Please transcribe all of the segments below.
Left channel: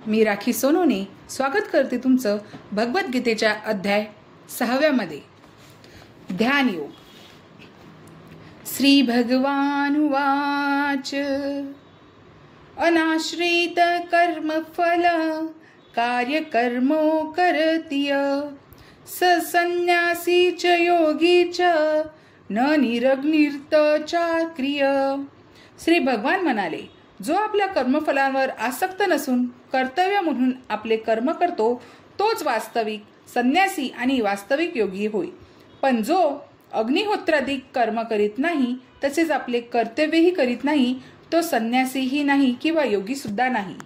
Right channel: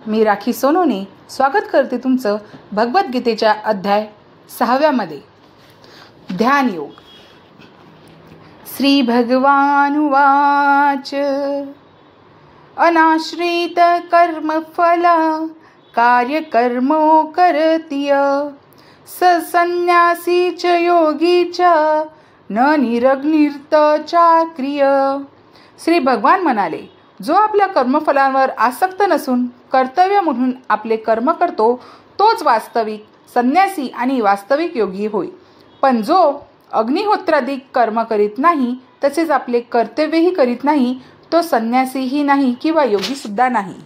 मी राखी सोनोने स्वागत करते तुमचं भगवद्गीतेच्या अध्याय 6 मध्ये ध्यान योग. श्री भगवान उवाच अनाश्रित कर्मफल कार्यकर्मो करतीय स संन्यासी च योगी च न निरग्निर्त चाक्रिय. श्री भगवान म्हणाले, जो आपल्या कर्मफलांवर आसक्त नसून कर्तव्य म्हणून आपले कर्म करतो तोच वास्तविक संन्यासी आणि वास्तविक योगी होय. पण जो अग्निहोत्राधिक कर्म करीत नाही तसेच आपले कर्तव्यही करीत नाही तो संन्यासीही नाही किंवा योगी सुद्धा नाही.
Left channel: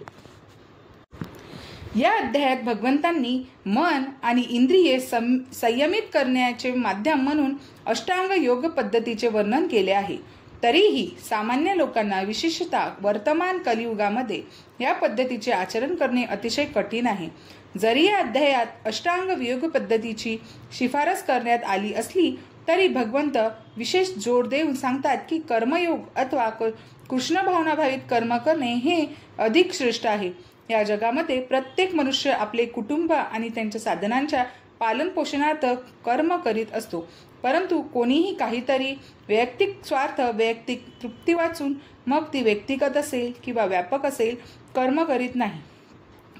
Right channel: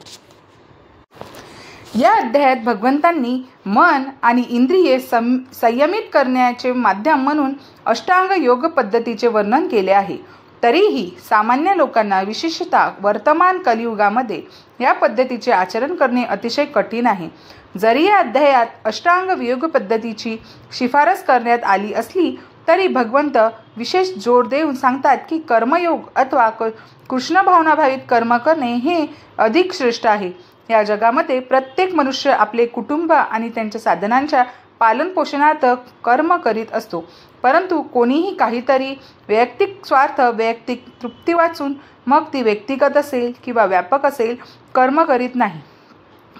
या अध्यायात भगवंतांनी मन आणि इंद्रिये संयमित करण्याचे माध्यम म्हणून अष्टांग योग पद्धतीचे वर्णन केले आहे. तरीही सामान्य लोकांना विशेषतः वर्तमान कलियुगामध्ये या पद्धतीचे आचरण करणे अतिशय कठीण आहे. जरी या अध्यायात अष्टांग योग पद्धतीची शिफारस करण्यात आली असली तरी भगवंत विशेष जोर देऊन सांगतात की कर्मयोग अथवा कृष्ण भावनाभावित कर्म करणे हे अधिक श्रेष्ठ आहे. या जगामध्ये प्रत्येक मनुष्य आपले कुटुंब आणि त्यांच्या साधनांच्या पालन पोषणार्थ कर्म करीत असतो. परंतु कोणीही काहीतरी वैयक्तिक स्वार्थ, वैयक्तिक तृप्ती वाचून, मग ती व्यक्तिगत असेल किंवा व्यापक असेल, कर्म करीत नाही.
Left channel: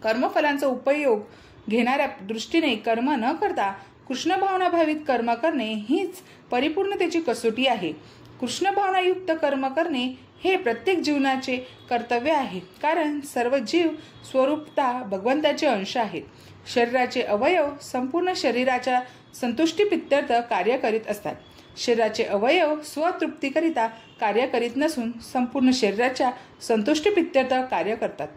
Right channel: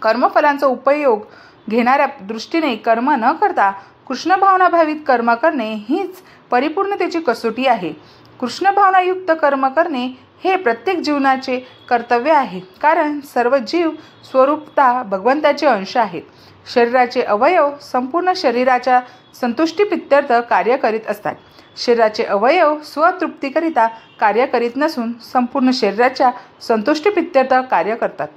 कर्मफलांचा उपयोग घेणाऱ्या दृष्टीने कर्म न करता कृष्ण भावनाभावित कर्म करणे हीच परिपूर्णतेची कसोटी आहे. कृष्ण भावनायुक्त कर्म करणे हे प्रत्येक जीवनाचे कर्तव्य आहे, कारण सर्व जीव स्वरूपतः भगवंताचे अंश आहेत. शरीराचे अवयव संपूर्ण शरीराच्या संतुष्टीप्रित्यर्थ कार्य करीत असतात. शरीराचे अवयव स्वतृप्तीकरिता कार्य करीत नसून संपूर्ण शरीराच्या संतुष्टीप्रित्यर्थ कार्य करतात.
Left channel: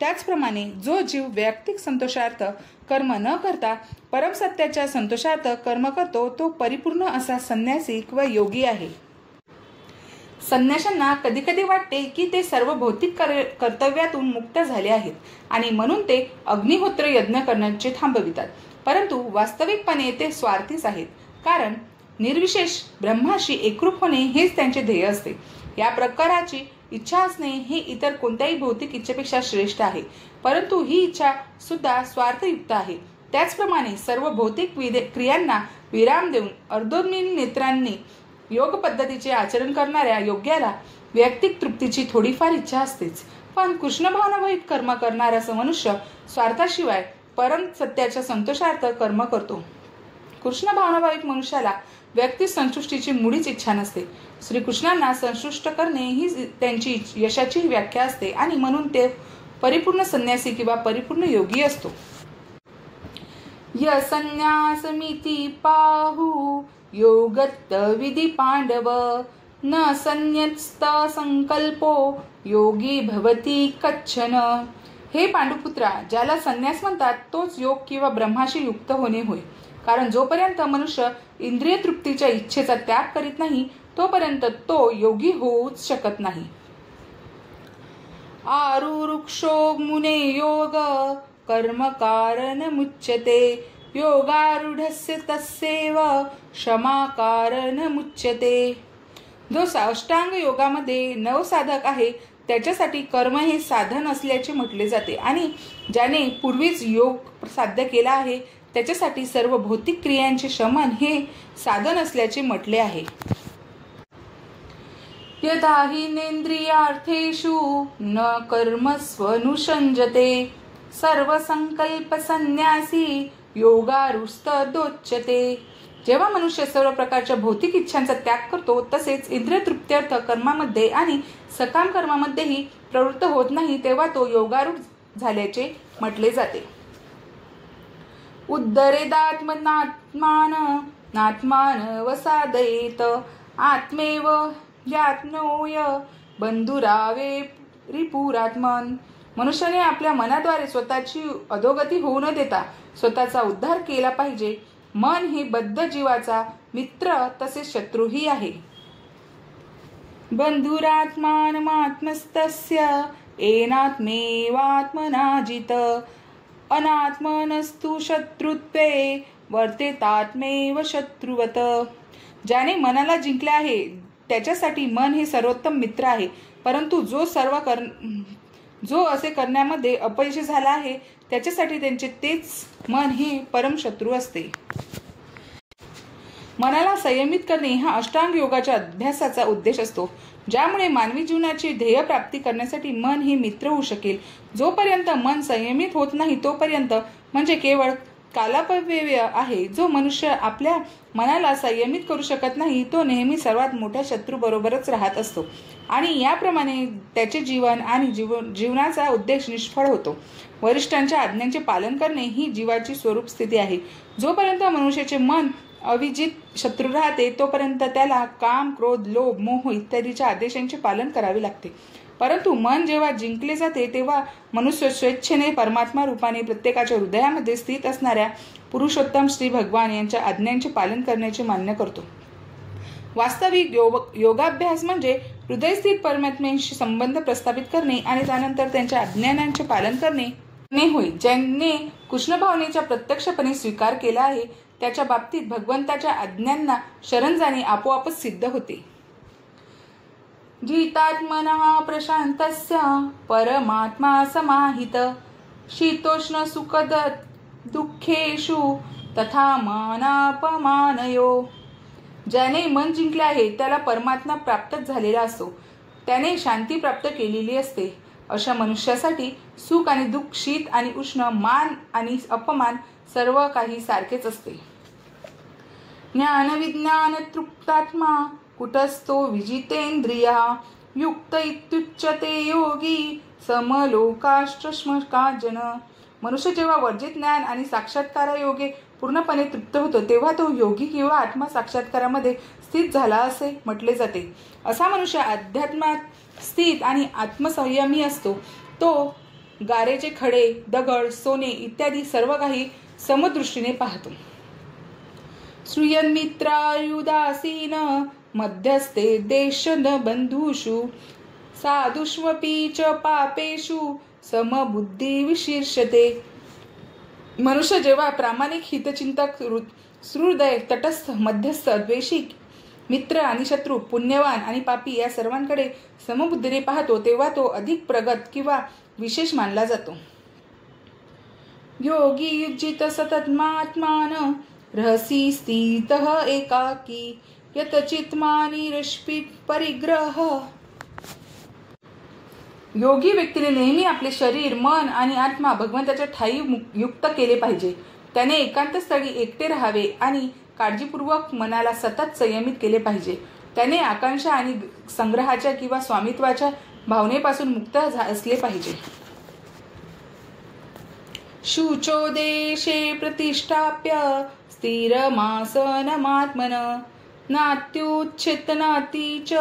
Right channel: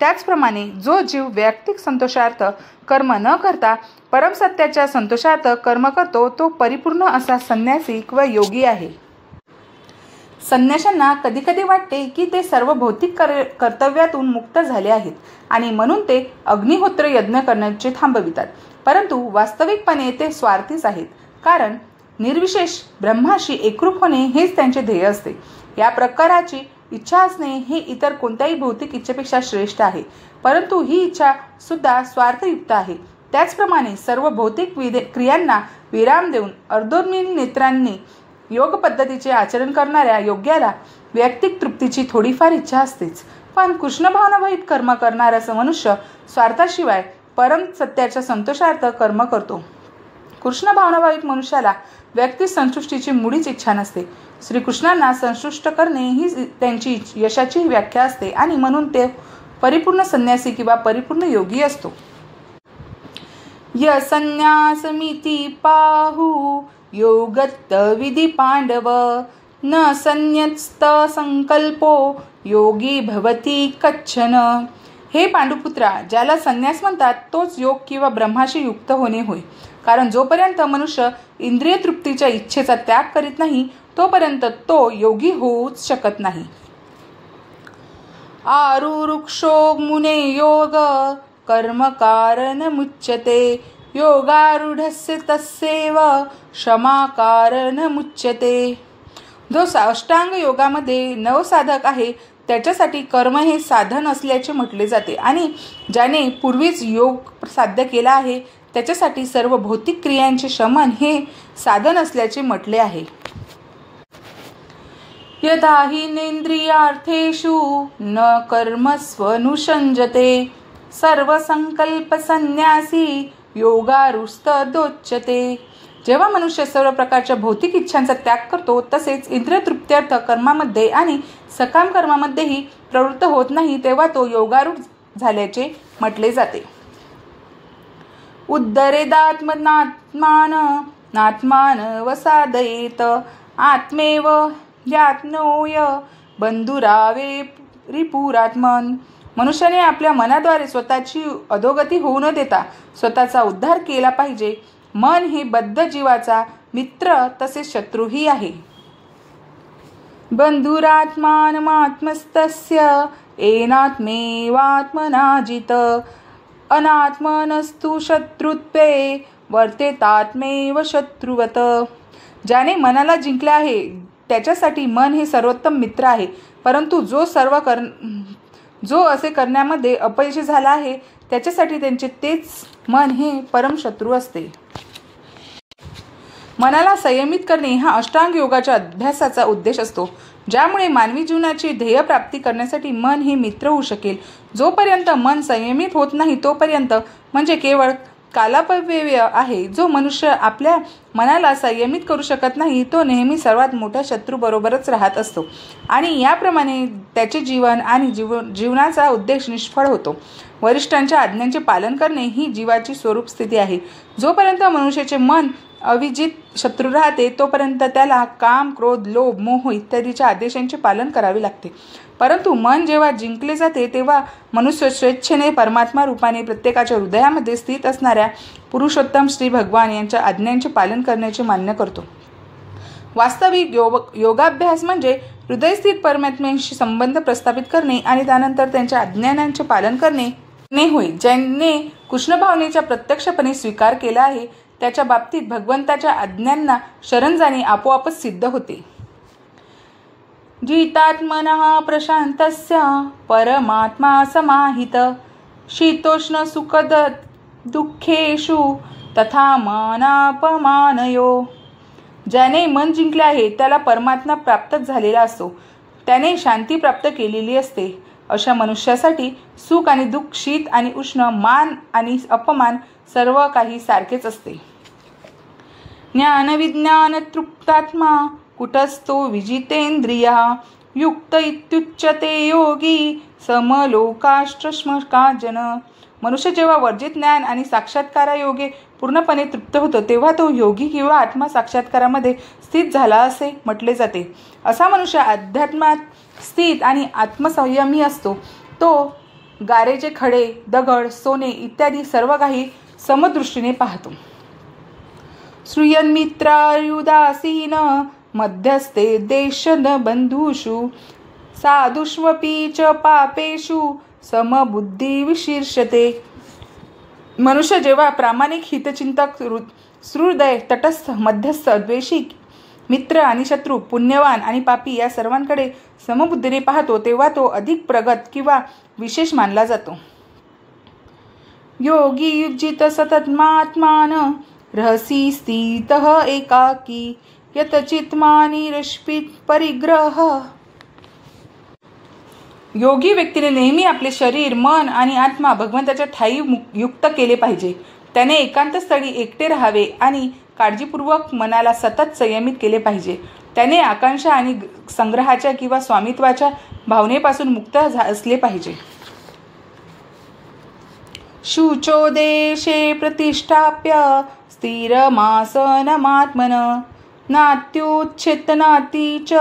त्याचप्रमाणे जो जीव वैयक्तिक संतोषार्थ कर्म न करता परमसत्याच्या संतोषार्थ कर्म करतो तो परिपूर्ण असा संन्यासी व योगी आहे. संन्याशांना कधी कधी वाटते की ते सर्व भौतिक कर्तव्यातून मुक्त झाले आहेत आणि म्हणून ते अग्निहोत्र यज्ञ करण्याचे थांबवितात. परंतु वास्तविकपणे ते स्वार्थीच आहेत, कारण निर्विशेष ब्रह्माशी एकरूप होणे हेच त्यांचे ध्येय असते. या प्रकाराची इच्छा असणे हे इतर कोणत्याही भौतिक इच्छेपेक्षा श्रेष्ठ आहे, परंतु ही इच्छा सुद्धा स्वार्थयुक्त आहे. त्याचप्रमाणे सर्व भौतिक क्रियांना विराम देऊन अर्धोन्मील नेत्रांनी योग पद्धतीचे आचरण करणाऱ्या योग्याला वैयक्तिक तृप्तीची थोडीफार इच्छा असतेच. पण कृष्ण भावनाभावित कर्म करणारा मनुष्य स्वार्थाशिवाय परम सत्याच्या संतोषार्थ कर्म करतो. कृष्ण भावनाभावित मनुष्याला व्यक्ती संतुष्टीची मुळीच इच्छा नसते. श्रीकृष्णांना संतुष्ट करणे ही त्यांची यशाची व्याख्या असते आणि म्हणून ते परिपूर्ण संन्यासी किंवा परिपूर्ण योगी असतो. य संन्यासमिति पाहु योगत्त विधी पांडव न संन्यस्त संकल्पो योगी भवती कच्छन. हे पांडुपुत्रा, ज्याला संन्यास म्हणतात तोच योग किंवा ब्रह्माशी युक्त होणे होय. कारण जोपर्यंत मनुष्य इंद्रिय तृप्तीच्या इच्छेचा त्याग करीत नाही तोपर्यंत तो योगी होऊच शकत नाही. आरुरुक्षो मुने योग कर्म कारण मुच्यते योगारूढस्य तस्यैव क्षमा कारण मुच्यते. जो अष्टांग योगामध्ये नवसाधक आहे त्याच्यासाठी कर्म हे साधन असल्याचे म्हटले जाते आणि ज्याने पूर्वीच योग साध्य केला आहे त्याच्यासाठी सर्व भौतिक क्रियांचे शमन हे साधन असल्याचे म्हटले आहे. यदा हि नेंद्रियार्थेषु न कर्मस्वनुषंजते सर्व संकल्प संन्यासी योगारुस्तदोच्यते. जेव्हा मनुष्य सर्व प्रकारच्या भौतिक इच्छांचा त्याग करतो तसेच इंद्रिय तृप्त्यर्थ कर्मामध्ये आणि सकाम कर्मामध्येही प्रवृत्त होत नाही तेव्हा तो योगारूढ झाल्याचे म्हटले जाते. उद्धरेदात्मनात्मान नात्मान वसादयेत आत्मेव यात्नोय बंधुरावे रिपुरात्मन. मनुष्याने आपल्या मनाद्वारे स्वतःची अधोगती होऊ न देता स्वतःचा उद्धार केला पाहिजे. मन हे बद्ध जीवाचा मित्र तसेच शत्रूही आहे. बंधुरात्मानमात्मस्तस्य एनात्मेवात्मनाजित अनात्मनस्तु शत्रुत्वे वर्तेतात्मेव शत्रुवत. ज्याने मनाला जिंकले आहे त्याच्यासाठी मन हे सर्वोत्तम मित्र आहे, परंतु जो जो असे करण्यामध्ये अपयशी झाला आहे त्याच्यासाठी त्यांचे तेच मन हे परमशत्रू असते. मनाला संयमित करणे हा अष्टांग योगाच्या अभ्यासाचा उद्देश असतो, ज्यामुळे मानवी जीवनाची ध्येय प्राप्ती करण्यासाठी मन हे मित्र होऊ शकेल. जोपर्यंत मन संयमित होत नाही तोपर्यंत म्हणजे केवळ कालापव्यय आहे. जो मनुष्य आपल्या मनाला संयमित करू शकत नाही तो नेहमी सर्वात मोठ्या शत्रू बरोबरच राहत असतो आणि याप्रमाणे त्याचे जीवन आणि जीवनाचा उद्देश निष्फळ होतो. वरिष्ठांच्या आज्ञांचे पालन करणे ही जीवाची स्वरूप स्थिती आहे. जोपर्यंत मनुष्याचे मन अविजित शत्रू राहते तोपर्यंत त्याला काम, क्रोध, लोभ, मोह इत्यादीच्या आदेशांचे पालन करावे लागते. परंतु मन जेव्हा जिंकले जाते तेव्हा मनुष्य स्वेच्छेने परमात्मा रूपाने प्रत्येकाच्या हृदयामध्ये स्थित असणाऱ्या पुरुषोत्तम श्री भगवान यांच्या आज्ञांचे पालन करण्याचे मान्य करतो. वास्तविक योगाभ्यास म्हणजे हृदयस्थित परमात्म्याशी संबंध प्रस्थापित करणे आणि त्यानंतर त्यांच्या आज्ञांचे पालन करणे होय. ज्याने कृष्ण भावनेचा प्रत्यक्षपणे स्वीकार केला आहे त्याच्या बाबतीत भगवंताच्या आज्ञांना शरण जाणे आपोआपच सिद्ध होते. जितात्मनः प्रशांतस्य परमात्मा समाहित शीतोष्ण सुखद दुःखेषु तथा मानापमानयो. ज्याने मन जिंकले आहे त्याला परमात्मा प्राप्तच झालेला असतो, त्याने शांती प्राप्त केलेली असते. अशा मनुष्यासाठी सुख आणि दुःख, शीत आणि उष्ण, मान आणि अपमान सर्व काही सारखेच असते. ज्ञान विज्ञान तृप्तात्मा कुटस्थो विजितेंद्रिया युक्त इत्युच्यते योगी समलोकाष्ट्रश्मका जन. मनुष्य जेव्हा वर्जित ज्ञान आणि साक्षात्कारायोगे पूर्णपणे तृप्त होतो तेव्हा तो योगी किंवा आत्मा साक्षात्कारामध्ये स्थित झाला असे म्हटले जाते. असा मनुष्य अध्यात्मात स्थित आणि आत्मसंयमी असतो. तो गारेचे खडे, दगड, सोने इत्यादी सर्व काही समदृष्टीने पाहतो. श्रूयन्मित्रायुदासीन मध्यस्ते देशन बंधुषु साधुष्वपि च पापेषु समबुद्धी विशीर्षते. मनुष्य जेव्हा प्रामाणिक, हितचिंतक, सहृदय, तटस्थ, मध्यस्थ, द्वेषी, मित्र आणि शत्रू, पुण्यवान आणि पापी या सर्वांकडे समबुद्धीने पाहतो तेव्हा तो अधिक प्रगत किंवा विशेष मानला जातो. योगी युजित सततमात्मान रहसी स्थितः एकाकी यतचित्मानि रश्पित परिग्रह. योगी व्यक्तीने नेहमी आपले शरीर, मन आणि आत्मा भगवंताच्या ठायी युक्त केले पाहिजे. त्याने एकांत स्थळी एकटे राहावे आणि काळजीपूर्वक मनाला सतत संयमित केले पाहिजे. त्याने आकांक्षा आणि संग्रहाच्या किंवा स्वामित्वाच्या भावनेपासून मुक्त असले पाहिजे. शुचो देशे प्रतिष्ठाप्य स्थिरमासनमात्मन नात्युच्छेतनाति च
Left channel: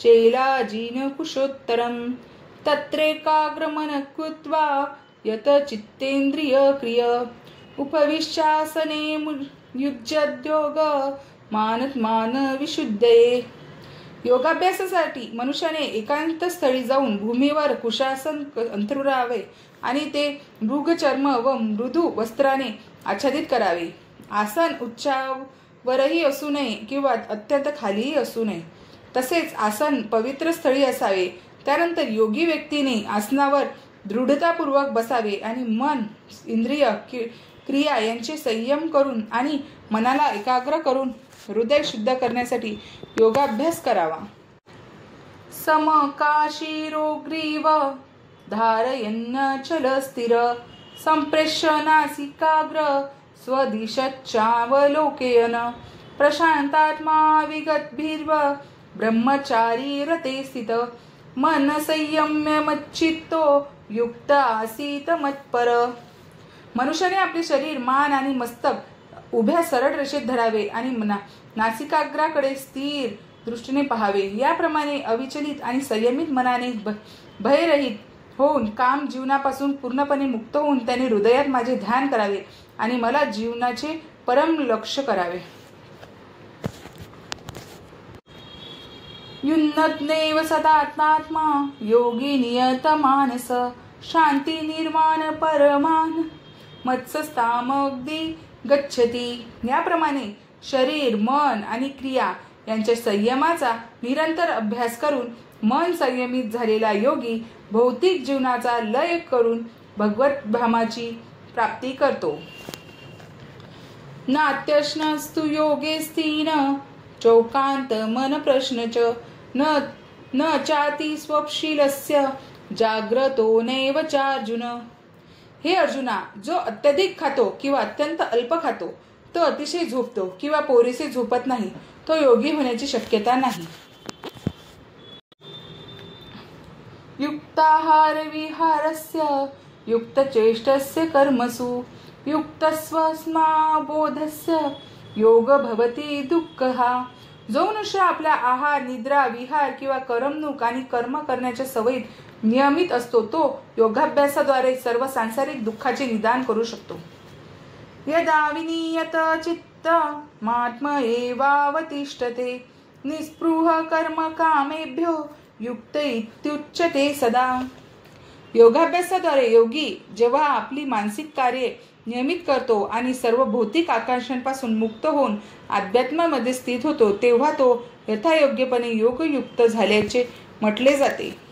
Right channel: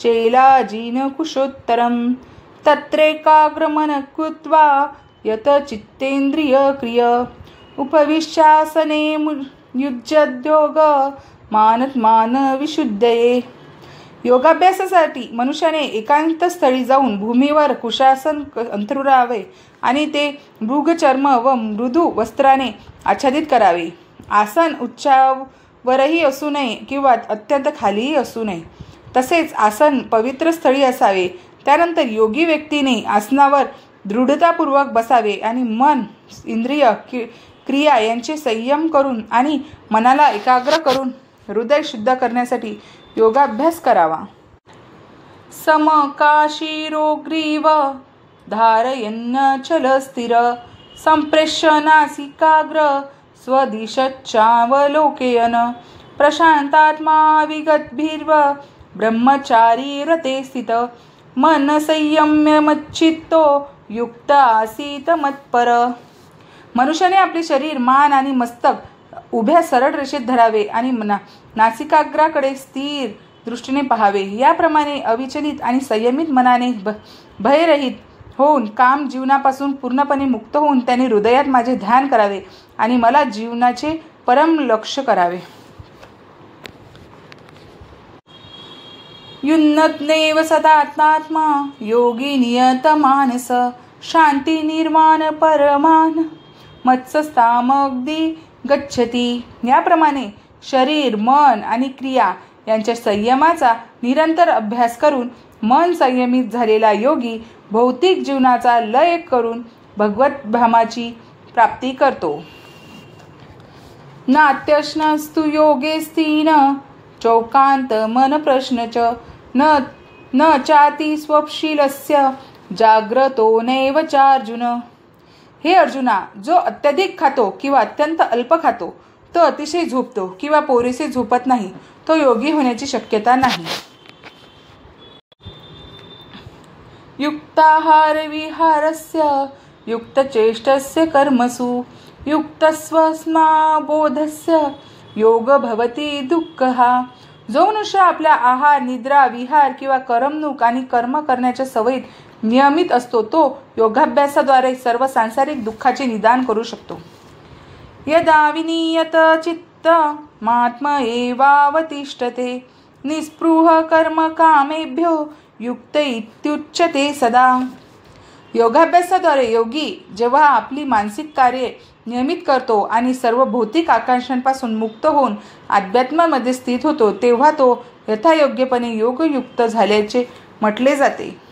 चेलाजीन कुशोत्तरम तत्रेकाग्रमन कृत्वा यत चित्तेंद्रिय क्रिय उपविश्यासने युज्यद्योग मानत्मान विशुद्धये. योगाभ्यासासाठी मनुष्याने एकांत स्थळी जाऊन भूमीवर कुशासन अंथरुरावे आणि ते मृगचर्म व मृदू वस्त्राने आच्छादित करावे. आसन उच्चावरही असू नये किंवा अत्यंत खालीही असू नये. तसेच आसन पवित्र स्थळी असावे. त्यानंतर योगी व्यक्तीने आसनावर दृढतापूर्वक बसावे आणि मन, इंद्रिय, क्रिया यांचे संयम करून आणि मनाला एकाग्र करून हृदय शुद्ध करण्यासाठी योगाभ्यास करावा. समकाशीरोग्रीव धारयन्न स्थिर संप्रेष्य नासिकाग्र स्वदिशच्चावलोकयन प्रशांतात्मा विगतभिर्व ब्रह्मचारी रते स्थित मन संयम्य मच्चित्तो युक्त आसीत मत्पर. मनुष्याने आपले शरीर, मान आणि मस्तक उभ्या सरळ रेषेत धरावे आणि नासिकाग्राकडे स्थिर दृष्टीने पाहावे. याप्रमाणे अविचलित आणि संयमित मनाने भयरहित होऊन काम जीवनापासून पूर्णपणे मुक्त होऊन त्याने हृदयात माझे ध्यान करावे आणि मला जीवनाचे परम लक्ष्य करावे. युन्नत्नेव सदात्मात्मा योगी नियत मानस शांती निर्माण परमान मत्सस्तामग्दी गच्छती. याप्रमाणे शरीर, मन आणि क्रिया यांच्या संयमाचा निरंतर अभ्यास करून मन संयमित झालेला योगी भौतिक जीवनाचा लय करून भगवत धामाची प्राप्ती करतो. नात्यश्नस्तु योगे स्थिन चौकांत मन प्रश्नच न चाती स्वप्शीलस्य जाग्रतो नैव चार्जुन. हे अर्जुना, जो अत्यधिक खातो किंवा अत्यंत अल्प खातो, तो अतिशय झोपतो किंवा पुरेसे झोपत नाही, तो योगी होण्याची शक्यता नाही. युक्ताहार विहारस्य युक्तचेष्टस्य कर्मसु युक्तस्वस्माबोधस्य योग भवति दुःखः. जो मनुष्य आपल्या आहार, निद्रा, विहार किंवा करमणूक आणि कर्म करण्याच्या सवयीत नियमित असतो, तो योगाभ्यासाद्वारे सर्व सांसारिक दुःखाचे निदान करू शकतो. यदा विनियत चित्त महात्म एवावतिष्ठते निस्पृह कर्म कामेभ्यो युक्त इत्युच्यते सदा. योगाभ्यासाद्वारे योगी जेव्हा आपली मानसिक कार्ये नियमित करतो आणि सर्व भौतिक आकांक्षांपासून मुक्त होऊन अध्यात्मामध्ये स्थित होतो, तेव्हा तो यथायोग्यपणे योगयुक्त झाल्याचे म्हटले जाते.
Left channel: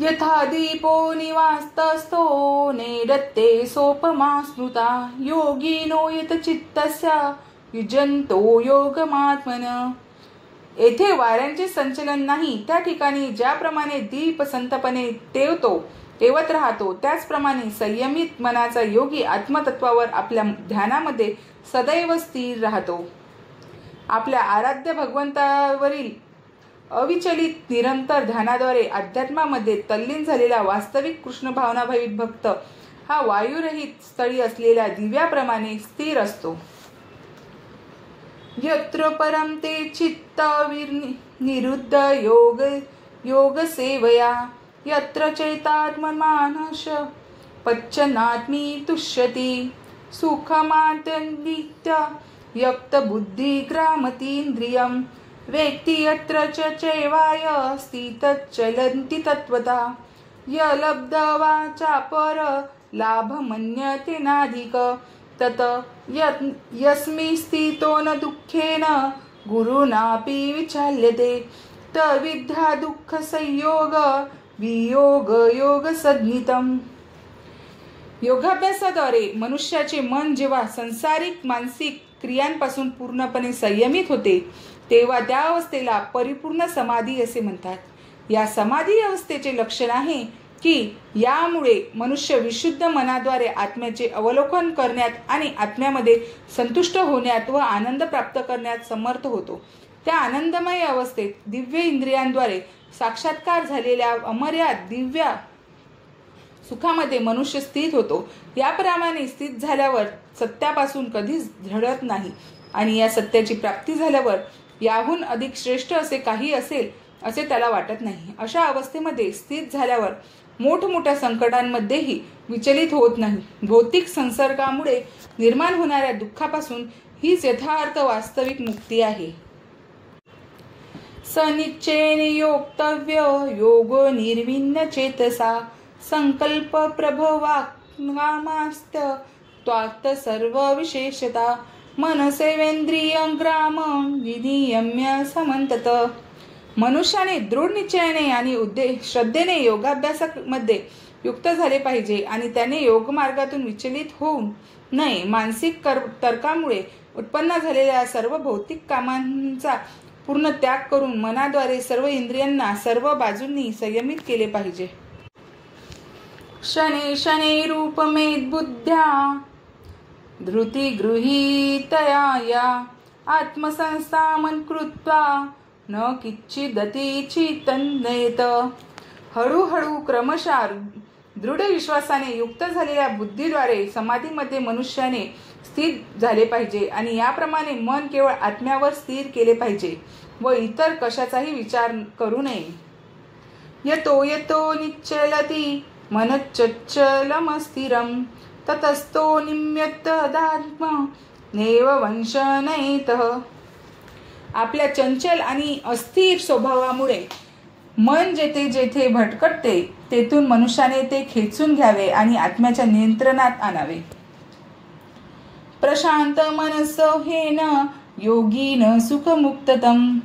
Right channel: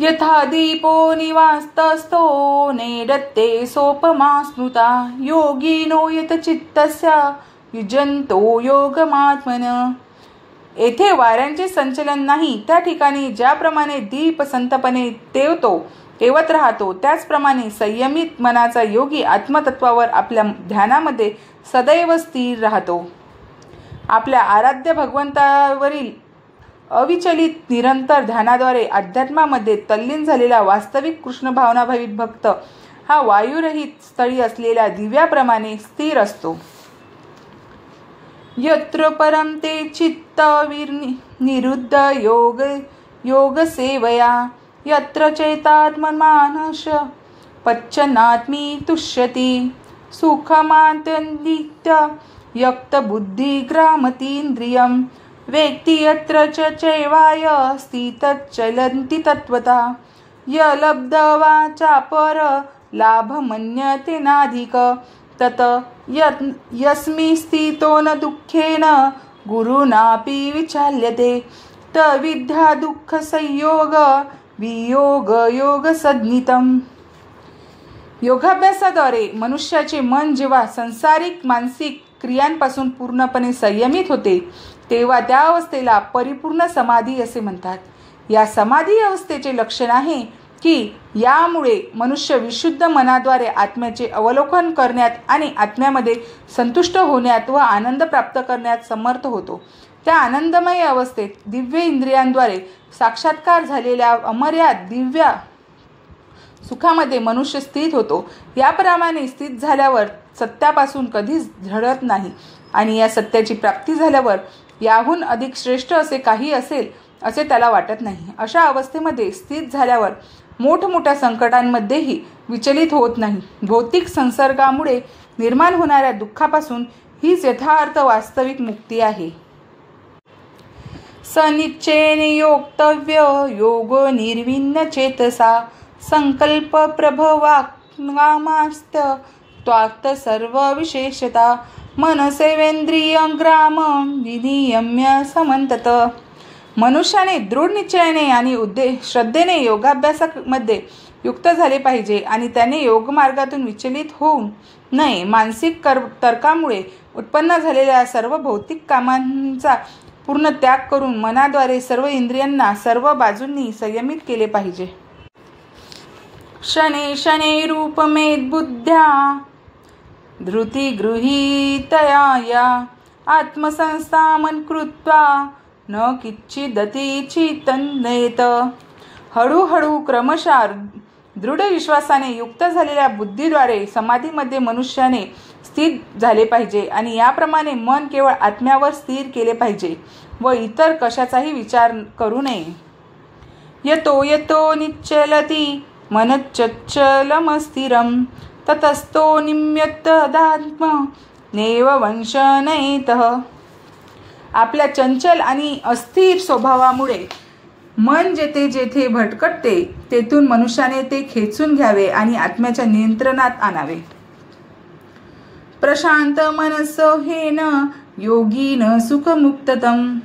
यथा दीपो निवास्तस्थो नेदत्ते सोपमा स्मृता योगिनो यत चित्तस्य युजंतो योगमात्मन. येथे वाऱ्यांचे संचलन नाही, त्या ठिकाणी ज्याप्रमाणे दीप संतपणे तेवत राहतो, त्याचप्रमाणे संयमित मनाचा योगी आत्मतत्वावर आपल्या ध्यानामध्ये सदैव स्थिर राहतो. आपल्या आराध्य भगवंतावरील अविचलित निरंतर ध्यानाद्वारे अध्यात्मामध्ये तल्लीन झालेला वास्तविक कृष्ण भावनाभावित भक्त हा वायुरहित स्थळी असलेल्या दिव्याप्रमाणे स्थिर असतो. यत्र परम ते चित्त निरुद्ध योग सेवया यत्र चैतात्ममानस पच्चनात्मी तुष्यति सुखमात्यन्दित्य यक्त बुद्धि ग्रामतीन्द्रियं वेत्ति यत्र च चैवाय स्थितच्चलन्ति तत्वता यलब्धवा चापर लाभ मन्यते नाधिक तत यस्मि स्थितो न दुःखेन गुरुनापि विचाल्यते तविद्या दुःख संयोग वियोग योग सज्ञितम. योगाभ्यासाद्वारे मनुष्याचे मन जेव्हा संसारिक मानसिक क्रियांपासून पूर्णपणे संयमित होते, तेव्हा त्या अवस्थेला परिपूर्ण समाधी असे म्हणतात. या समाधी अवस्थेचे लक्षण आहे की यामुळे मनुष्य विशुद्ध मनाद्वारे आत्म्याचे अवलोकन करण्यात आणि आत्म्यामध्ये संतुष्ट होण्यात व आनंद प्राप्त करण्यात समर्थ होतो. त्या आनंदमय अवस्थेत दिव्य इंद्रियांद्वारे साक्षात्कार झालेल्या अमर्याद दिव्य सुखामध्ये मनुष्य स्थित होतो. याप्रमाणे स्थित झाल्यावर सत्यापासून कधीच झडत नाही आणि या सत्याची प्राप्ती झाल्यावर याहून अधिक श्रेष्ठ असे काही असेल असे त्याला वाटत नाही. अशा अवस्थेमध्ये स्थित झाल्यावर मोठमोठ्या संकटांमध्येही विचलित होत नाही. भौतिक संसर्गामुळे निर्माण होणाऱ्या दुःखापासून हीच यथार्थ वास्तविक मुक्ती आहे. सनिश्चयेन योक्तव्य योगो निर्विण्ण चेतसा संकल्प प्रभवाक्मास्त त्वाक्त सर्व विशेषता मनसेवेंद्रिय ग्राम विनियम्य समंतत. मनुष्याने दृढ निश्चयाने आणि श्रद्धेने योगाभ्यासामध्ये युक्त झाले पाहिजे आणि त्याने योगमार्गातून विचलित होऊ नये. मानसिक तर्कामुळे उत्पन्न झालेल्या सर्व भौतिक कामांचा पूर्ण त्याग करून मनाद्वारे सर्व इंद्रियांना सर्व बाजूंनी संयमित केले पाहिजे. शने शने रूपमेद बुद्ध्या धृती गृहीतया या आत्मसंस्थामन कृत्वा न किंचिदति चिंतयेत. हळूहळू क्रमशः दृढ विश्वासाने युक्त झालेल्या बुद्धीद्वारे समाधीमध्ये मनुष्याने स्थित झाले पाहिजे आणि याप्रमाणे मन केवळ आत्म्यावर स्थिर केले पाहिजे व इतर कशाचाही विचार करू नये. यतो यतो निश्चलति मनच्चलमस्थिरं ततस्तो निम्यतदात्म नैव वंशनयेतः. आपल्या चंचल आणि अस्थिर स्वभावामुळे मन जेथे जेथे भटकटते तेथून मनुष्याने ते खेचून घ्यावे आणि आत्म्याच्या नियंत्रणात आणावे. प्रशांत मनसोहेन योगीन सुखमुक्ततम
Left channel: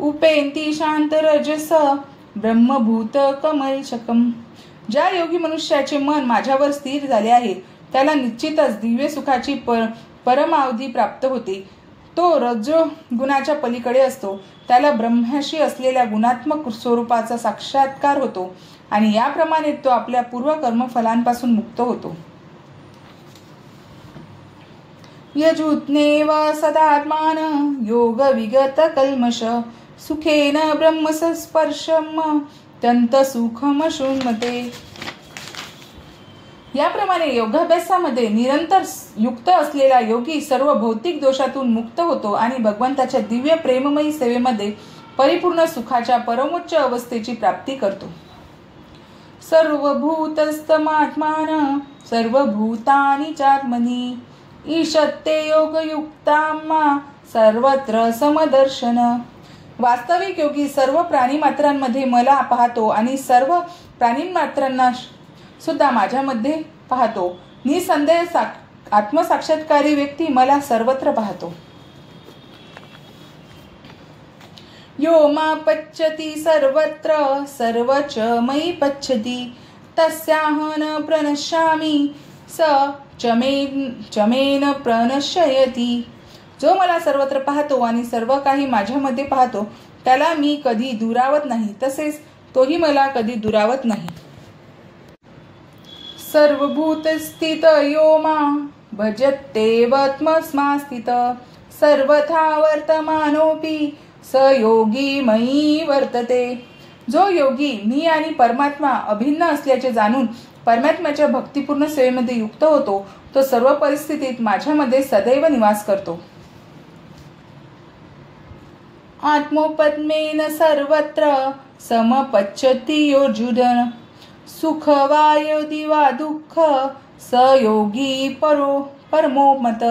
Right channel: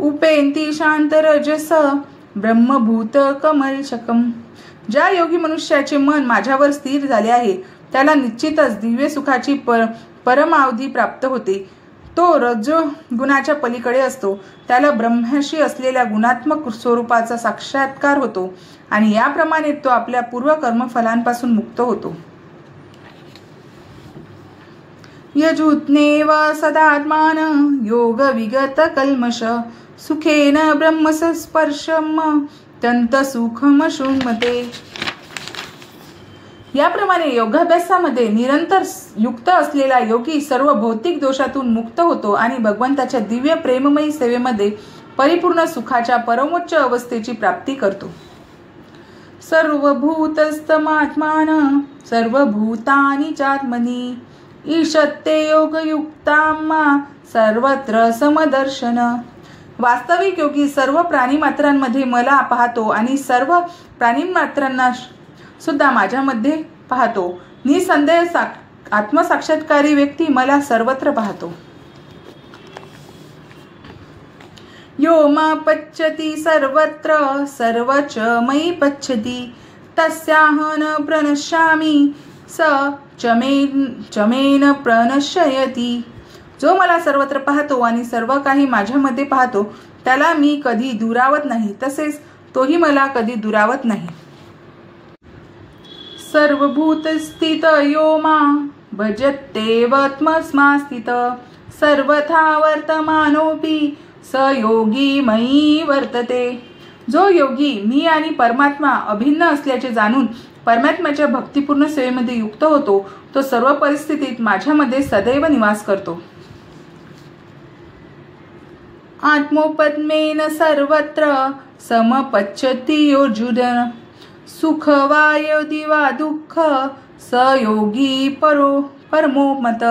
उपेंती शांत रजस ब्रह्मभूत कमलशकम. ज्या योगी मनुष्याचे मन माझ्यावर स्थिर झाले आहे त्याला निश्चितच दिव्य सुखाची परमावधी प्राप्त होते. तो रजो गुणाच्या पलीकडे असतो. त्याला ब्रह्माशी असलेल्या गुणात्मक स्वरूपाचा साक्षात्कार होतो आणि याप्रमाणे तो आपल्या पूर्व कर्मफलांपासून मुक्त होतो. यजुत्नेव सदात्मान योग विगत कल्मष सुखेन ब्रह्मस्पर्शम तंत सुखम शृण्मते. याप्रमाणे योगाभ्यासामध्ये निरंतर युक्त असलेला योगी सर्व भौतिक दोषातून मुक्त होतो आणि भगवंताच्या दिव्य प्रेममयी सेवेमध्ये परिपूर्ण सुखाच्या परमोच्च अवस्थेची प्राप्ती करतो. सर्वभूतस्तमात्मान सर्वभूतानि चात्मनि ईशत्ते योगयुक्ताम्मा सर्वत्र समदर्शन. वास्तविक योगी सर्व प्राणीमात्रांमध्ये मला पाहतो आणि सर्व प्राणीमात्रांना सुद्धा माझ्यामध्ये पाहतो. निसंदेह आत्मसाक्षात्कारी व्यक्ती मला सर्वत्र पाहतो. यो मा पच्यति सर्वत्र सर्वच मयि पच्यति तस्याहं न प्रणश्यामि स चमेन प्रणश्यति. जो मला सर्वत्र पाहतो आणि सर्व काही माझ्यामध्ये पाहतो त्याला मी कधी दुरावत नाही, तसेच तोही मला कधी दुरावत नाही. सर्वभूतस्थित यो मा भजत्येवात्मस्मास्थित सर्वथा वर्तमानोऽपि स योगी मयि वर्तते. जो योगी मी आणि परमात्मा अभिन्न असल्याचे जाणून परमात्म्याच्या भक्तिपूर्ण सेवेमध्ये युक्त होतो तो सर्व परिस्थितीत माझ्यामध्ये सदैव निवास करतो. आत्मोपद्मेन सर्वत्र समपच्यति योर्जुन सुख वा यदि वा दुःख स योगी परमो मत.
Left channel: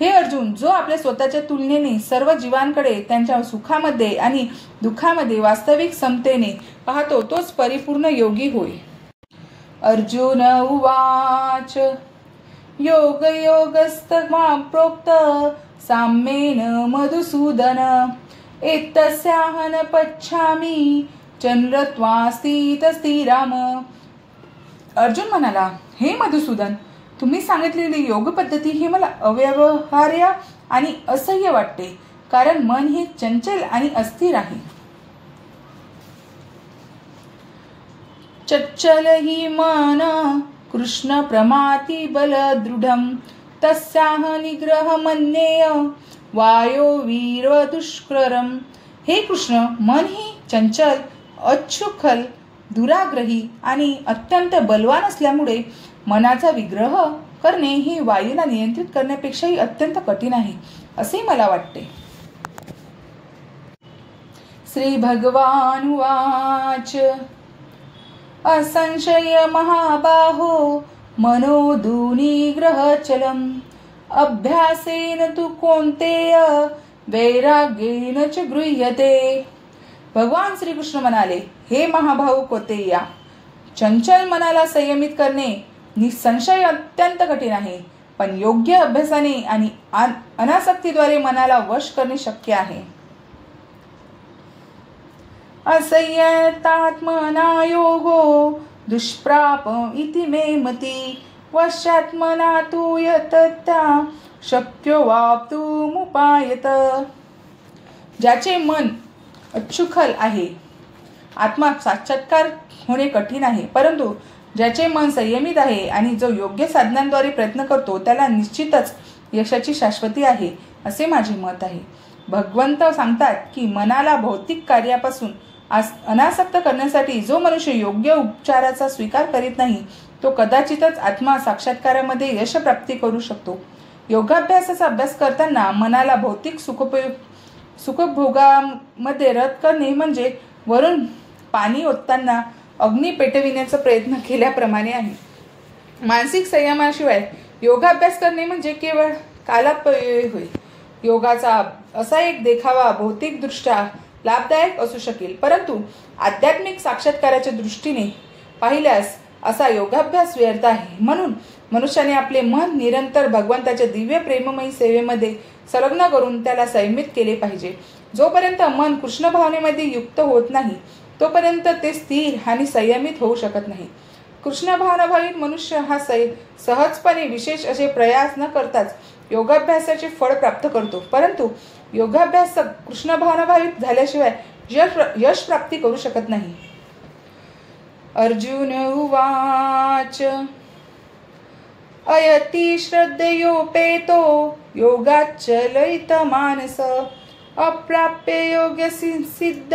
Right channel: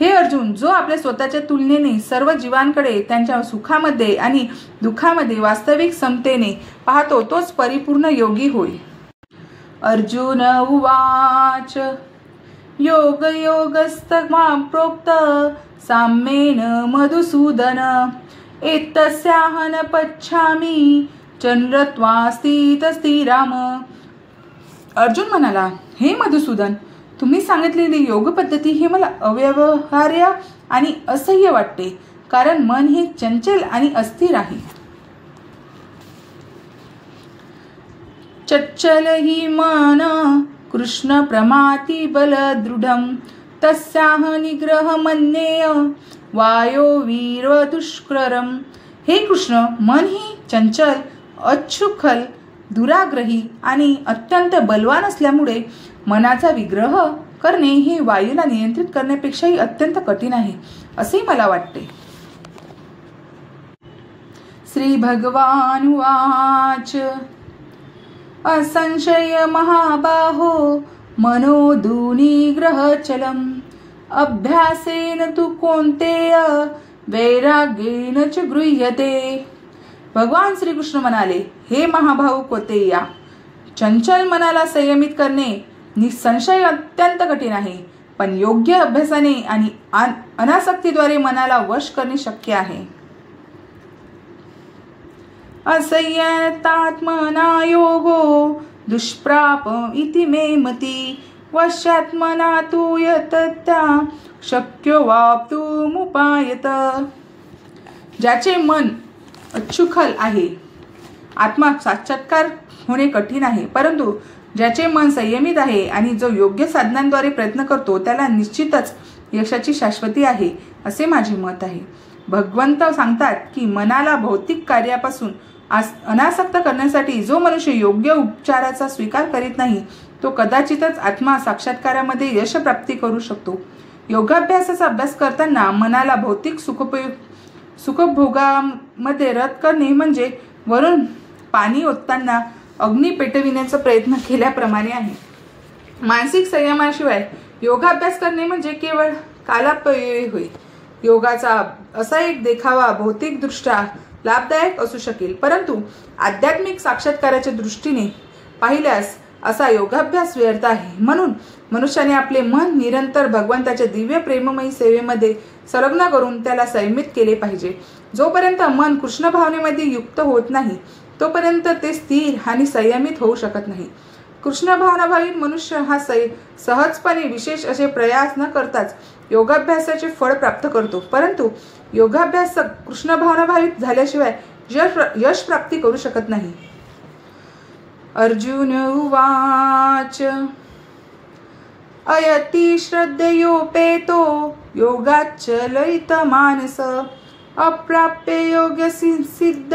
हे अर्जुन, जो आपल्या स्वतःच्या तुलनेने सर्व जीवांकडे त्यांच्या सुखामध्ये आणि दुःखामध्ये वास्तविक समतेने पाहतो तोच परिपूर्ण योगी होय. अर्जुन उवाच योग योगस्तमा प्रोक्त साम्येन मधुसूदन एतस्याहं न पच्छामि चंद्रत्वास्थितस्ति राम. अर्जुन म्हणाला, हे मधुसूदन, तुम्ही सांगितलेली योग पद्धती ही मला अव्यवहार्य आणि असह्य वाटते, कारण मन हे चंचल आणि अस्थिर आहे. चच्चल हि मन कृष्ण प्रमाति बल दृढम तस्याह निग्रह मन्येय वायो वीर दुष्करम. हे कृष्ण, मन ही चंचल, अच्छुखल, दुराग्रही आणि अत्यंत बलवान असल्यामुळे मनाचा विग्रह करणे हे वायूला नियंत्रित करण्यापेक्षाही अत्यंत कठीण आहे असे मला वाटते. श्री भगवान उवाच असंशय महाबाहो मनोदुनिग्रहचलम अभ्यासेन तु कौन्तेय वैराग्येन च गृह्यते. भगवान श्रीकृष्ण म्हणाले, हे महाभाऊ कौन्तेया, चंचल मनाला संयमित करणे निसंशय अत्यंत कठीण आहे, पण योग्य अभ्यासाने आणि अनासक्तीद्वारे मनाला वश करणे शक्य आहे. असंयतात्मना योगो दुष्प्राप इति मे मती वशात्मना तु यतत्या शक्यो वाप्तुमुपायत. ज्याचे मन अच्छुखल आहे आत्मा साक्षात्कार होणे कठीण आहे, परंतु ज्याचे मन संयमित आहे आणि जो योग्य साधनांद्वारे प्रयत्न करतो त्याला निश्चितच यशाची शाश्वती आहे असे माझे मत आहे. भगवंत सांगतात की मनाला भौतिक कार्यापासून अनासक्त करण्यासाठी जो मनुष्य योग्य उपचाराचा स्वीकार करीत नाही तो कदाचितच आत्मा साक्षात्कारामध्ये यश प्राप्ती करू शकतो. योगाभ्यासाचा अभ्यास करताना मनाला भौतिक सुखभोगामध्ये रत करणे म्हणजे वरून पाणी ओतताना अग्नी पेटविण्याचा प्रयत्न केल्याप्रमाणे आहे. मानसिक संयमाशिवाय योगाभ्यास करणे म्हणजे केवळ कालापयोग होय. योगाचा असा एक देखावा भौतिक दृष्ट्या लाभदायक असू शकेल, परंतु आध्यात्मिक साक्षात्काराच्या दृष्टीने पाहिल्यास असा योगाभ्यास व्यर्थ आहे. म्हणून मनुष्याने आपले मन निरंतर भगवंताच्या दिव्य प्रेममयी सेवेमध्ये संलग्न करून त्याला संयमित केले पाहिजे. जोपर्यंत मन कृष्ण भावनेमध्ये युक्त होत नाही तोपर्यंत ते स्थिर आणि संयमित होऊ शकत नाही. कृष्ण भावनाभावित मनुष्य हा सहजपणे विशेष असे प्रयास न करताच योगाभ्यासाचे फळ प्राप्त करतो. परंतु योगाभ्यासक कृष्ण भावनाभावित झाल्याशिवाय यश प्राप्ती करू शकत नाही. अर्जुन उवाच अयति श्रद्धयोपेतो योगाच्चलित मानस अप्राप्य योग सिद्ध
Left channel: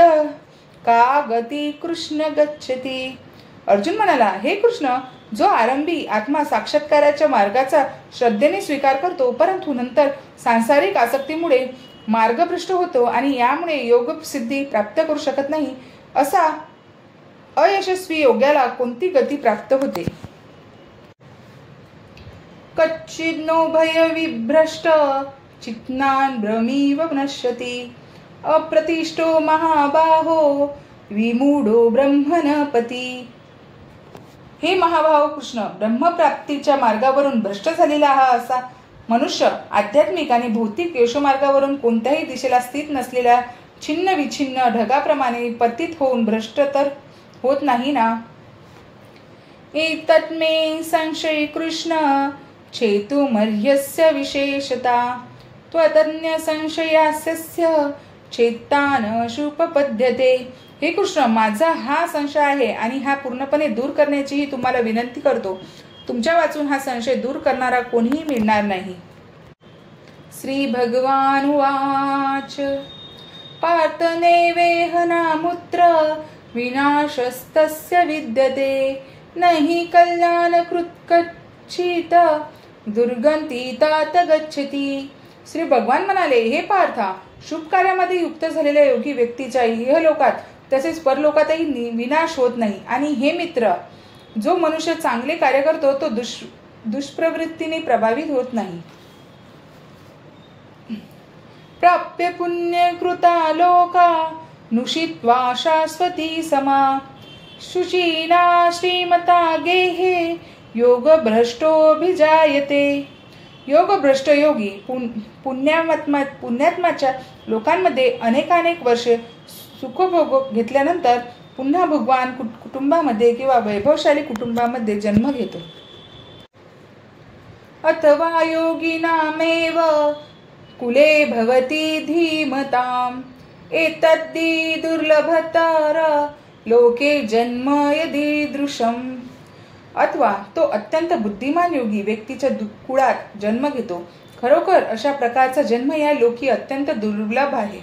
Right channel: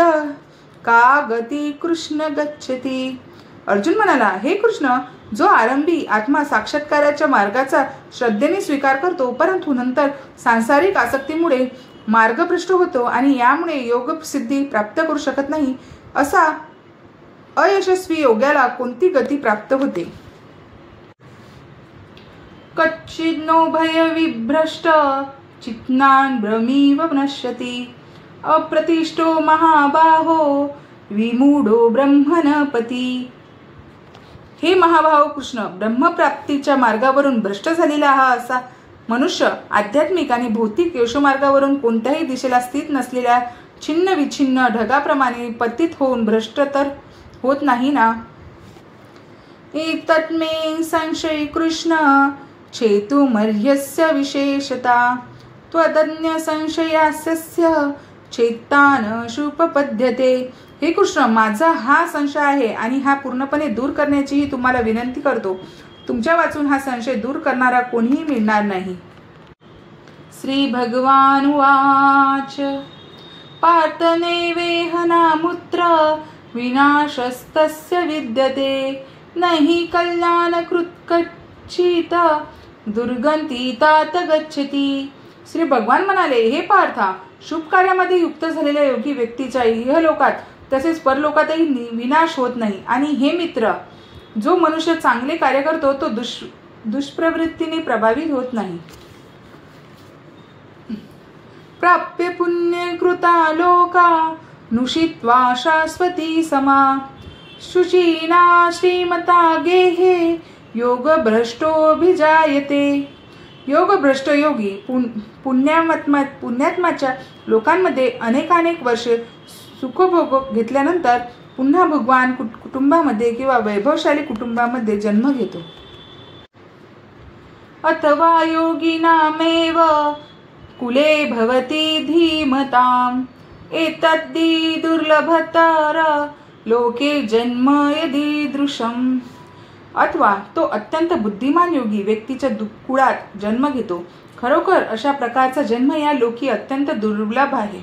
का गती कृष्ण गच्छति. अर्जुन म्हणाला, हे कृष्ण, जो आरंभी आत्मा साक्षात्काराच्या मार्गाचा श्रद्धेने स्वीकार करतो परंतु नंतर सांसारिक आसक्तीमुळे मार्गभ्रष्ट होतो आणि यामुळे योग सिद्धी प्राप्त करू शकत नाही, असा अयशस्वी योग्याला कोणती गती प्राप्त होते. कच्चिन्नो भय विभ्रष्ट चित्नान भ्रमीव नश्यति अप्रतिष्ठो महाबाहो विमूढो ब्रह्मणपती. हे महाभाव कृष्ण, ब्रह्मप्राप्तीच्या मार्गावरून भ्रष्ट झालेला हा असा मनुष्य आध्यात्मिक आणि भौतिक यशोमार्गावरून कोणत्याही दिशेला स्थित नसलेल्या छिन्न विछिन्न ढगाप्रमाणे पतित होऊन भ्रष्ट तर होत नाही ना. एतत् मे संशय कृष्ण चेतुमर्ह्यस्य विशेषता त्वदन्य संशयास्य चेतान शुपपद्यते. हे कृष्ण, माझा हा संशय आहे आणि हा पूर्णपणे दूर करण्याचीही तुम्हाला विनंती करतो. तुमच्या वाचून हा संशय दूर करणारा कोणीही मिळणार नाही. श्री भगवान वाच पार्थ नैवेहनामुत्र विनाशस्तस्य विद्यते नहि कल्याणकृत् कच्चित् दुर्गती तात गच्छति. श्री भगवान म्हणाले, हे पार्था, शुभ कार्यामध्ये युक्त झालेल्या योगी व्यक्तीच्या इहलोकात तसेच परलोकातही विनाश होत नाही. आणि हे मित्र, जो मनुष्य चांगले कार्य करतो तो दुष्प्रवृत्तीने प्रभावित होत नाही. प्राप्य पुण्य कृता लोका नुषित्वा शाश्वती समा शुचीना श्रीमता गेहे योग भ्रष्टोभिजायते. योग भ्रष्ट योगी पुण्यात्माच्या लोकांमध्ये अनेकानेक वर्षे सुखभोग घेतल्यानंतर पुन्हा भगवान कुटुंबामध्ये किंवा वैभवशाली कुटुंबामध्ये जन्म घेतो. अथवा योगिनामेव कुले भवती धीमताम एतद्दी दुर्लभतर लोके जन्म यदीदृशम. अथवा तो अत्यंत बुद्धिमान योगी व्यक्तीच्या कुळात जन्म घेतो. खरोखर अशा प्रकारचा जन्म या लोकी अत्यंत दुर्लभ आहे.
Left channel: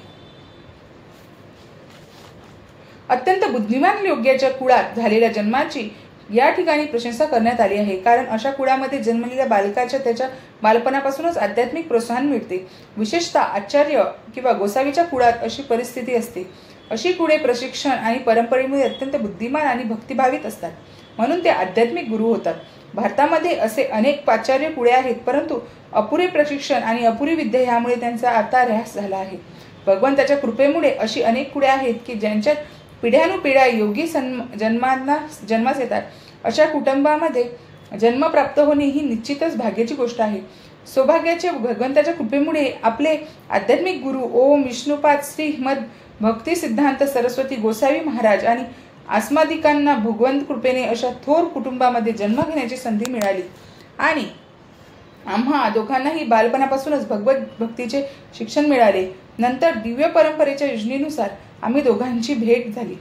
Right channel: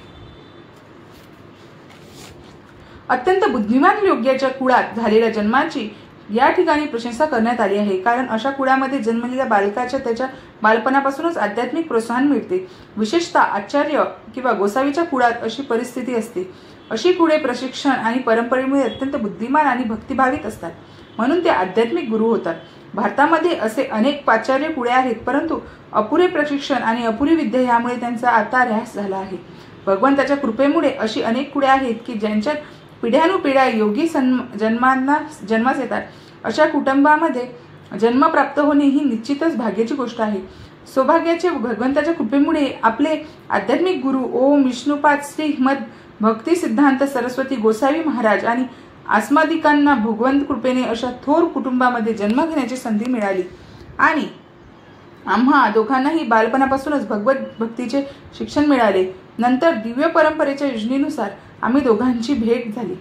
अत्यंत बुद्धिमान योग्याच्या कुळात झालेल्या जन्माची या ठिकाणी प्रशंसा करण्यात आली आहे, कारण अशा कुळामध्ये जन्मलेल्या बालकाच्या त्याच्या बालपणापासूनच आध्यात्मिक प्रोत्साहन मिळते. विशेषतः आचार्य किंवा गोसावीच्या कुळात अशी परिस्थिती असते. अशी कुळे प्रशिक्षण आणि परंपरेमुळे अत्यंत बुद्धिमान आणि भक्तिभाविक असतात, म्हणून ते आध्यात्मिक गुरु होतात. भारतामध्ये असे अनेक पाचार्य कुळे आहेत, परंतु अपुरे प्रशिक्षण आणि अपुरी विद्या यामुळे त्यांचा आता ऱ्हास झाला आहे. भगवंताच्या कृपेमुळे अशी अनेक कुळे आहेत की ज्यांच्या पिढ्यानुपिढ्या योगी जन्मास येतात. अशा कुटुंबामध्ये जन्म प्राप्त होणे ही निश्चितच भाग्याची गोष्ट आहे. सौभाग्याचे भगवंताच्या कृपेमुळे आपले आध्यात्मिक गुरु ओम विष्णुपाद श्री मद भक्ती सिद्धांत सरस्वती गोसावी महाराज आणि आस्मादिकांना भगवंत कृपेने अशा थोर कुटुंबामध्ये जन्म घेण्याची संधी मिळाली आणि आम्हा दोघांनाही बालपणापासूनच भगवत भक्तीचे शिक्षण मिळाले. नंतर दिव्य परंपरेच्या योजनेनुसार आम्ही दोघांची भेट झाली.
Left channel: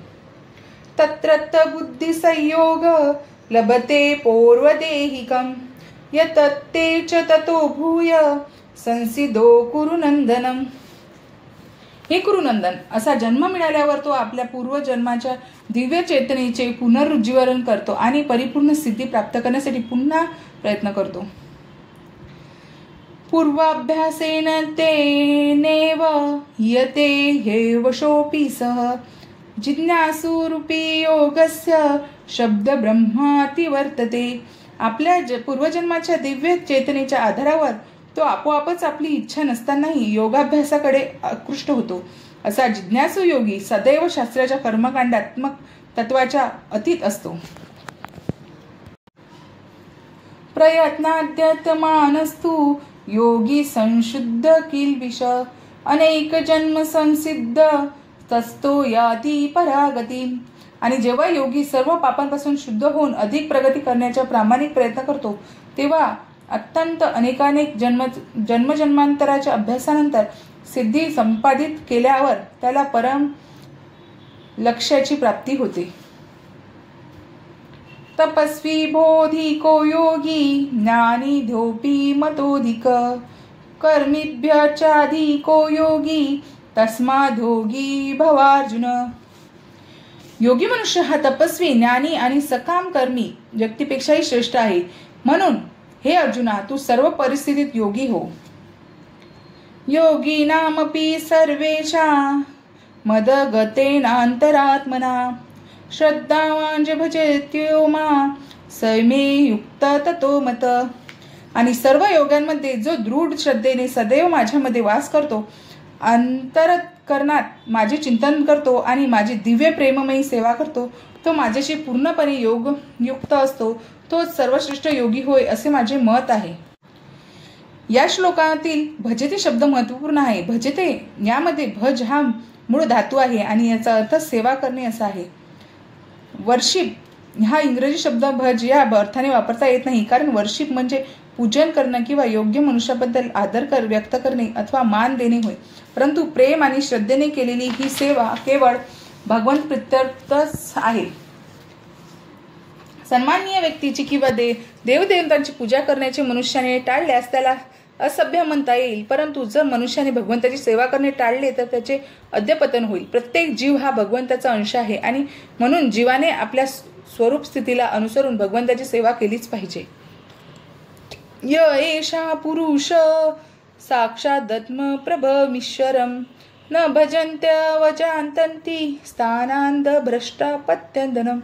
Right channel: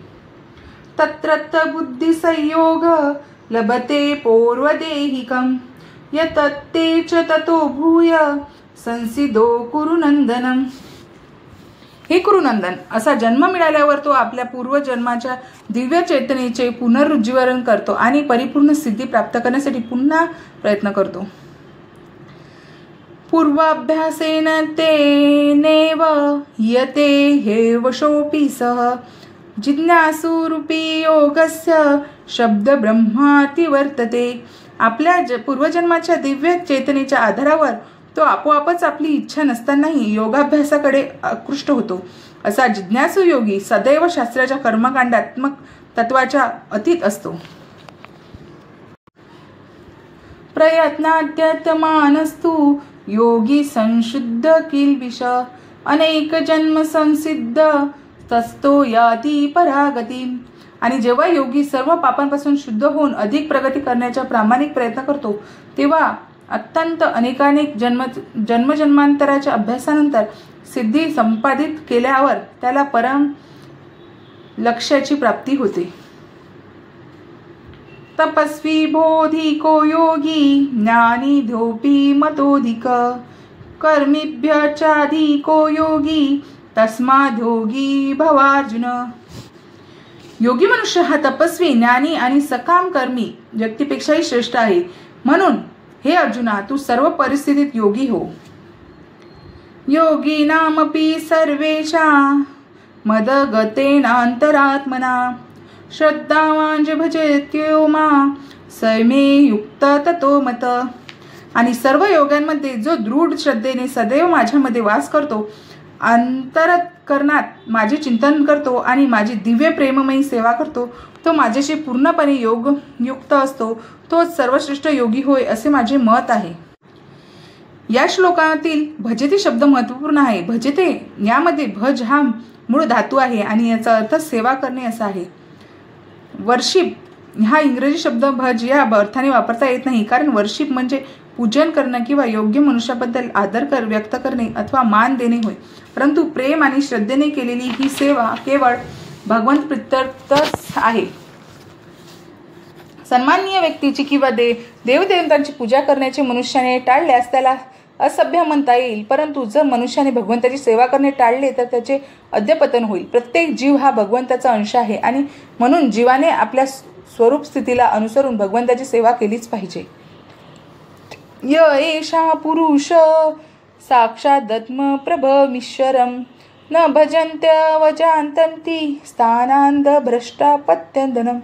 तत्रत्त बुद्धी संयोग लभते पौर्वदेहिकम यतत्ते च ततो भूय संसिदो कुरुनंदनम. हे कुरुनंदन, असा जन्म मिळाल्यावर तो आपल्या पूर्वजन्माच्या दिव्य चेतनेचे पुनरुज्जीवन करतो आणि परिपूर्ण सिद्धी प्राप्त करण्यासाठी पुन्हा प्रयत्न करतो. पूर्वाभ्यासेन तेनेव यते हे वशोपि सह जिज्ञासूरूपी योगस्य शब्द ब्रह्माति वर्तते. आपल्या पूर्वजन्माच्या दिव्य चेतनेच्या आधारावर तो आपोआपच आपली इच्छा नसतानाही योगाभ्यासाकडे आकृष्ट होतो. असा जिज्ञासू योगी सदैव शास्त्राच्या कर्मकांडात्मक तत्वाच्या अतीत असतो. प्रयत्नाद्यतमानस्तु योगी संशुद्ध किल्बिष अनेक जन्म संसिद्ध तस्तो याति परागती. आणि जेव्हा योगी सर्व पापांपासून शुद्ध होऊन अधिक प्रगती करण्याचा प्रामाणिक प्रयत्न करतो, तेव्हा अत्यंत अनेकानेक जन्मजन्मांतराच्या अभ्यासानंतर सिद्धी संपादित केल्यावर त्याला परम लक्ष्याची प्राप्ती होते. तपस्वी बोधिको योगी ज्ञानी ध्योपी मतोधिक कर्मीभ्यचाधिको योगी तस्माद्योगी भवार्जुन. योगी मनुष्य हा तपस्वी, ज्ञानी आणि सकाम कर्मी व्यक्तीपेक्षाही श्रेष्ठ आहे. म्हणून हे अर्जुना, तू सर्व परिस्थितीत योगी हो. योगिनामपि सर्वेषां मदगतेनान्तरात्मना श्रद्धावान जे भजेत्यो मां स मे युक्त ततो मत. आणि सर्व योग्यांमध्ये जो दृढ श्रद्धेने सदैव माझ्यामध्ये वास करतो, अंतःकरणात माझे चिंतन करतो आणि माझी दिव्य प्रेममयी सेवा करतो, तो माझ्याशी पूर्णपणे योगयुक्त असतो, तोच सर्वश्रेष्ठ योगी होय, असे माझे मत आहे. या श्लोकातील भजते शब्द महत्वपूर्ण आहे. भजते यामध्ये भज हा मूळ धातू आहे आणि याचा अर्थ सेवा करणे असा आहे. वर्शिप हा इंग्रजी शब्द भज या अर्थाने वापरता येत नाही, कारण वर्शिप म्हणजे पूजन करणं किंवा योग्य मनुष्याबद्दल आदर व्यक्त करणे अथवा मान देणे होय. परंतु प्रेम आणि श्रद्धेने केलेली ही सेवा केवळ भगवंत प्रीत्यर्थच आहे. सन्माननीय व्यक्तीची किंवा देवदेवतांची पूजा करण्याचे मनुष्याने टाळल्यास त्याला असभ्य म्हणता येईल, परंतु जर मनुष्याने भगवंताची सेवा करणे टाळले तर त्याचे अधःपतन होईल. प्रत्येक जीव हा भगवंताचा अंश आहे आणि म्हणून जीवाने आपल्या स्वरूप स्थितीला अनुसरून भगवंताची सेवा केलीच पाहिजे. य एषा पुरुष साक्षादत्म प्रभमीश्वरम न भजन्त्यवजान्तन्ति स्थानांद भ्रष्टापत्यंदनम.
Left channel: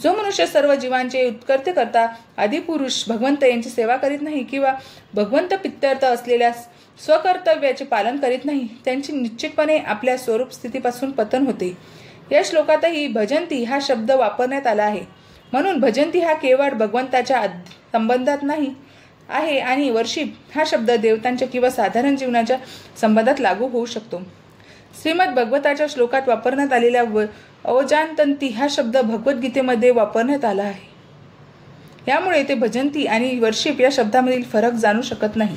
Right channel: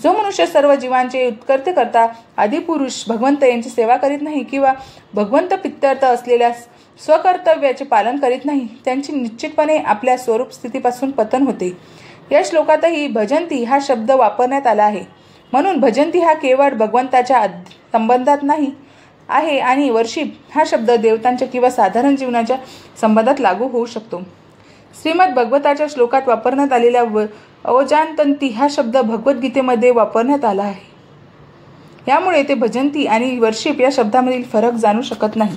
जो मनुष्य सर्व जीवांचे उत्कर्ते करता आदिपुरुष भगवंत यांची सेवा करीत नाही किंवा भगवंत पित्यर्थ असलेल्या स्वकर्तव्याचे पालन करीत नाही, त्यांची निश्चितपणे आपल्या स्वरूप स्थितीपासून पतन होते. या श्लोकातही भजंती हा शब्द वापरण्यात आला आहे. म्हणून भजंती हा केवळ भगवंताच्या संबंधात नाही आहे आणि वर्शिप हा शब्द देवतांच्या किंवा साधारण जीवनाच्या संबंधात लागू होऊ शकतो. श्रीमद भगवताच्या श्लोकात वापरण्यात आलेल्या अवजान्तन्ति हा शब्द भगवद्गीतेमध्ये वापरण्यात आला आहे. यामुळे ते भजंती आणि वर्शिप या शब्दामधील फरक जाणू शकत नाही.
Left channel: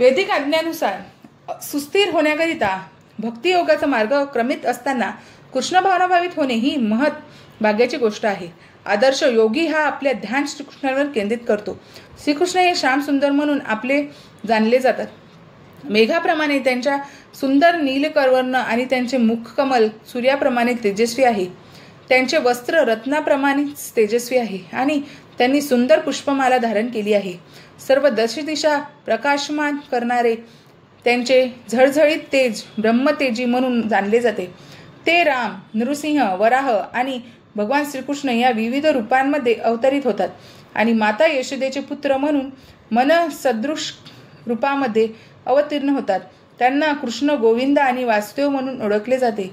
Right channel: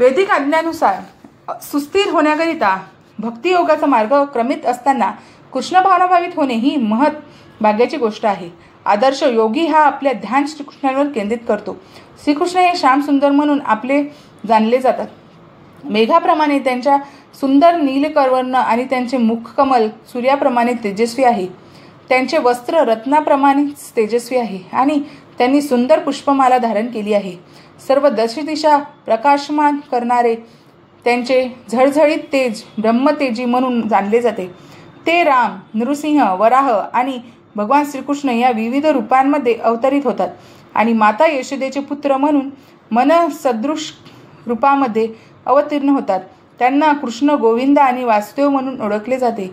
वैदिक आज्ञानुसार सुस्थिर होण्याकरिता भक्तियोगाचा मार्ग क्रमित असताना कृष्ण भावनाभावित होणे ही महत् भाग्याची गोष्ट आहे. आदर्श योगी हा आपल्या ध्यान श्रीकृष्णावर केंद्रित करतो. श्रीकृष्ण हे श्याम सुंदर म्हणून आपले जाणले जातात. मेघाप्रमाणे त्यांच्या सुंदर नीलकवर्ण आणि त्यांचे मुखकमल सूर्याप्रमाणे तेजस्वी आहे. त्यांचे वस्त्र रत्नाप्रमाणे तेजस्वी आहे आणि त्यांनी सुंदर पुष्पमाला धारण केली आहे. सर्व दशदिशा प्रकाशमान करणारे त्यांचे झळझळीत तेज ब्रह्मतेजी म्हणून जाणले जाते. ते राम, नृसिंह, वराह आणि भगवान श्रीकृष्ण या विविध रूपांमध्ये अवतरित होतात आणि माता यशोदेचे पुत्र म्हणून मनसदृश रूपामध्ये अवतीर्ण होतात. त्यांना कृष्ण, गोविंद आणि वासुदेव म्हणून ओळखले जाते.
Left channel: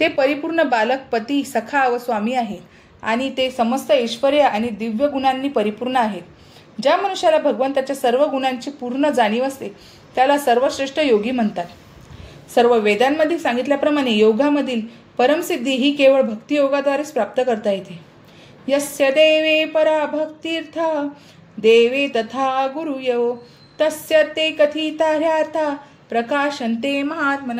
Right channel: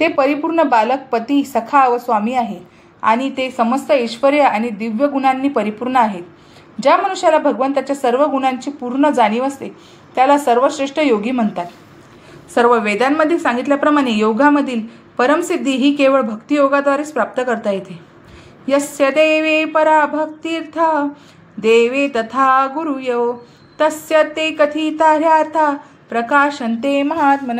ते परिपूर्ण बालक, पती, सखा व स्वामी आहेत आणि ते समस्त ऐश्वर्य आणि दिव्य गुणांनी परिपूर्ण आहेत. ज्या मनुष्याला भगवंताच्या सर्व गुणांची पूर्ण जाणीव असते त्याला सर्वश्रेष्ठ योगी म्हणतात. सर्व वेदांमध्ये सांगितल्याप्रमाणे योगामधील परमसिद्धी ही केवळ भक्तियोगाद्वारेच प्राप्त करता येते. यस्य देवे परा भक्तिर्था देवे तथा गुरुयो तस्य ते कथितार्था प्रकाशन्ते महात्मन.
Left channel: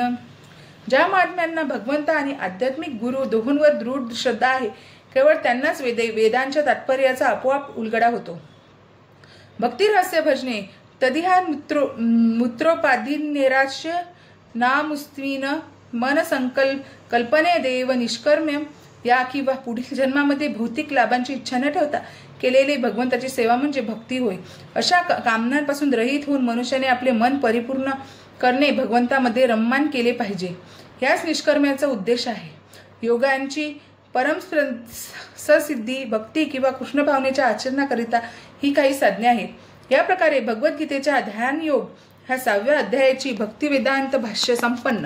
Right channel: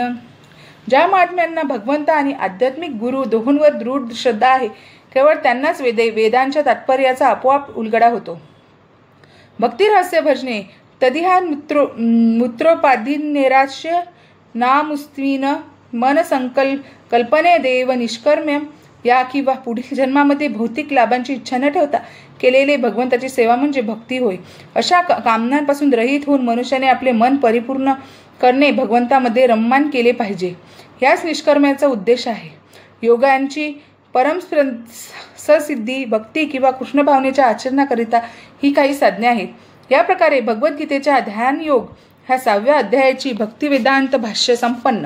ज्या महात्म्यांना भगवंत आणि आध्यात्मिक गुरु दोहोंवर दृढ श्रद्धा आहे, केवळ त्यांनाच वेदांच्या तात्पर्याचा आपोआप उलगडा होतो. भक्तिरहस्य भजने तदिहा मूत्रोपाधिन्यैराश्य नामुस्त्विन मन कल्पने देव निष्कर्म्यम. या किंवा पुढील जन्मामध्ये भौतिक लाभांची इच्छा न ठेवता केलेले भगवंताची सेवा म्हणजे भक्ती होय. अशा कामनांपासून रहित होऊन मनुष्याने आपले मन परिपूर्ण करणे, भगवंतामध्ये रममान केले पाहिजे. याच निष्कर्म्याचा उद्देश आहे. योगांची परम ससिद्धी, भक्ती किंवा कृष्ण भावनेच्या आचरणाकरिता ही काही साधने आहेत. या प्रकारे भगवद्गीतेच्या ध्यान योग ह्या 6व्या अध्यायाची भक्तिवेदांत भाष्य संपन्न.